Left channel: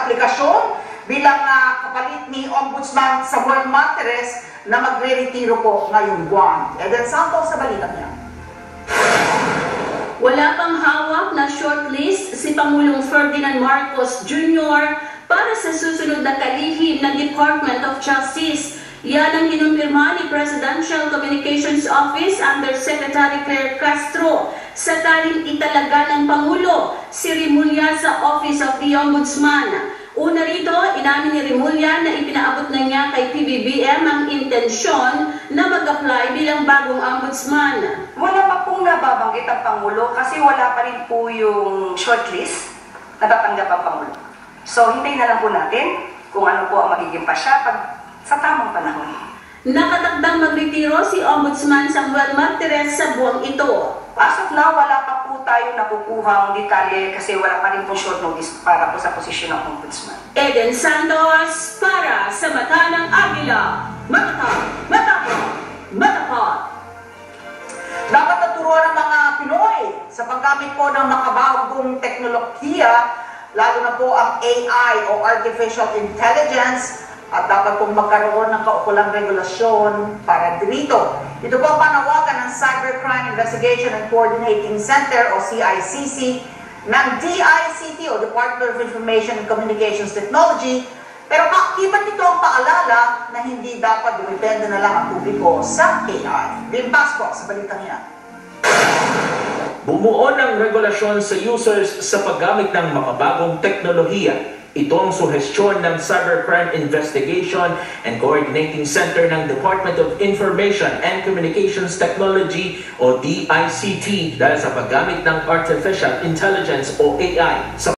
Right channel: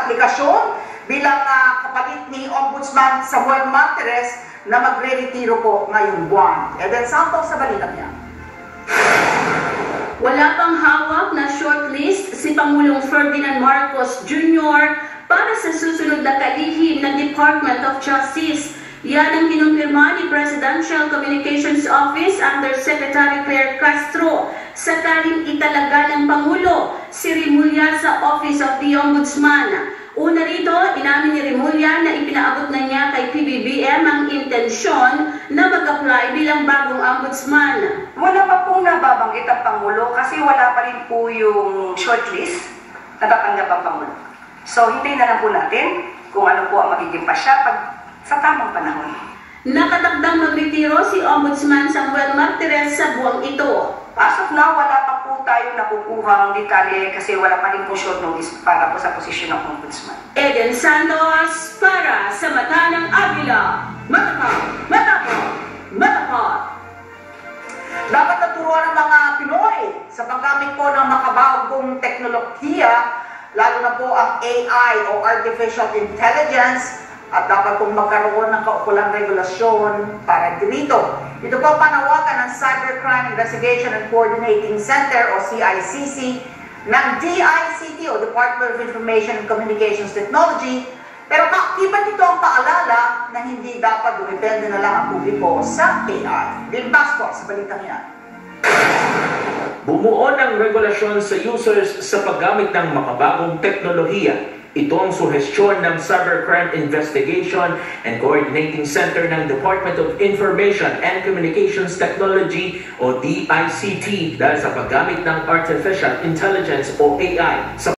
aplikasyon bilang kapalit ni Ombudsman Samuel Martires na magre-retiro po ngayong buwan. Eden Santos sa balita niya. Wala pang hawak na shortlist si Pangulong Ferdinand Marcos Jr. para sa susunod na kalihim ng Department of Justice. Yan ang kinumpirma ni Presidential Communications Office Undersecretary Claire Castro sa taling italaga ng Pangulo si Rimulya sa Office of the Ombudsman. Una rito, inamin ni Rimulya na ipinaabot na niya kay PBBM ang intensyon na mag-apply bilang bagong ombudsman. Wala pa pong nababanggit ang Pangulo kasi wala pa rin po yung shortlist na tatanggap ang Pangulo. So, hintayin na lang po natin kung ano po ang magiging pasya sa tamang panahon. Nakatakdang magretiro si Ombudsman Samuel Martires sa buwang ito. As of now, wala pa po tayo nakukuhang detalye kasi wala pa rin po short notice para po sa posisyon ng Ombudsman. Eden Santos para sa Mata ng Agila. Matapat. Dapat naturuan ng mga Pinoy sa paggamit po ng makabagong teknolohiya, lalo na po ang AI o Artificial Intelligence, at dapat pong magkaroon ng kaukulang regulasyon para dito. Ito po panawagan ng Cybercrime Investigation and Coordinating Center o CICC ng DICT o Department of Information and Communications Technology. Pero iba't ito ang paalala na hindi dapat dumipende na lang ang publiko sa AI. Bill Pasco sa balitang yan. Bumuo ng regulasyon sa users sa paggamit ng makabagong teknolohiya. Ito ang suhestyon ng Cybercrime Investigation and Coordinating Center ng Department of Information and Communications Technology o DICT dahil sa paggamit ng Artificial Intelligence o AI sa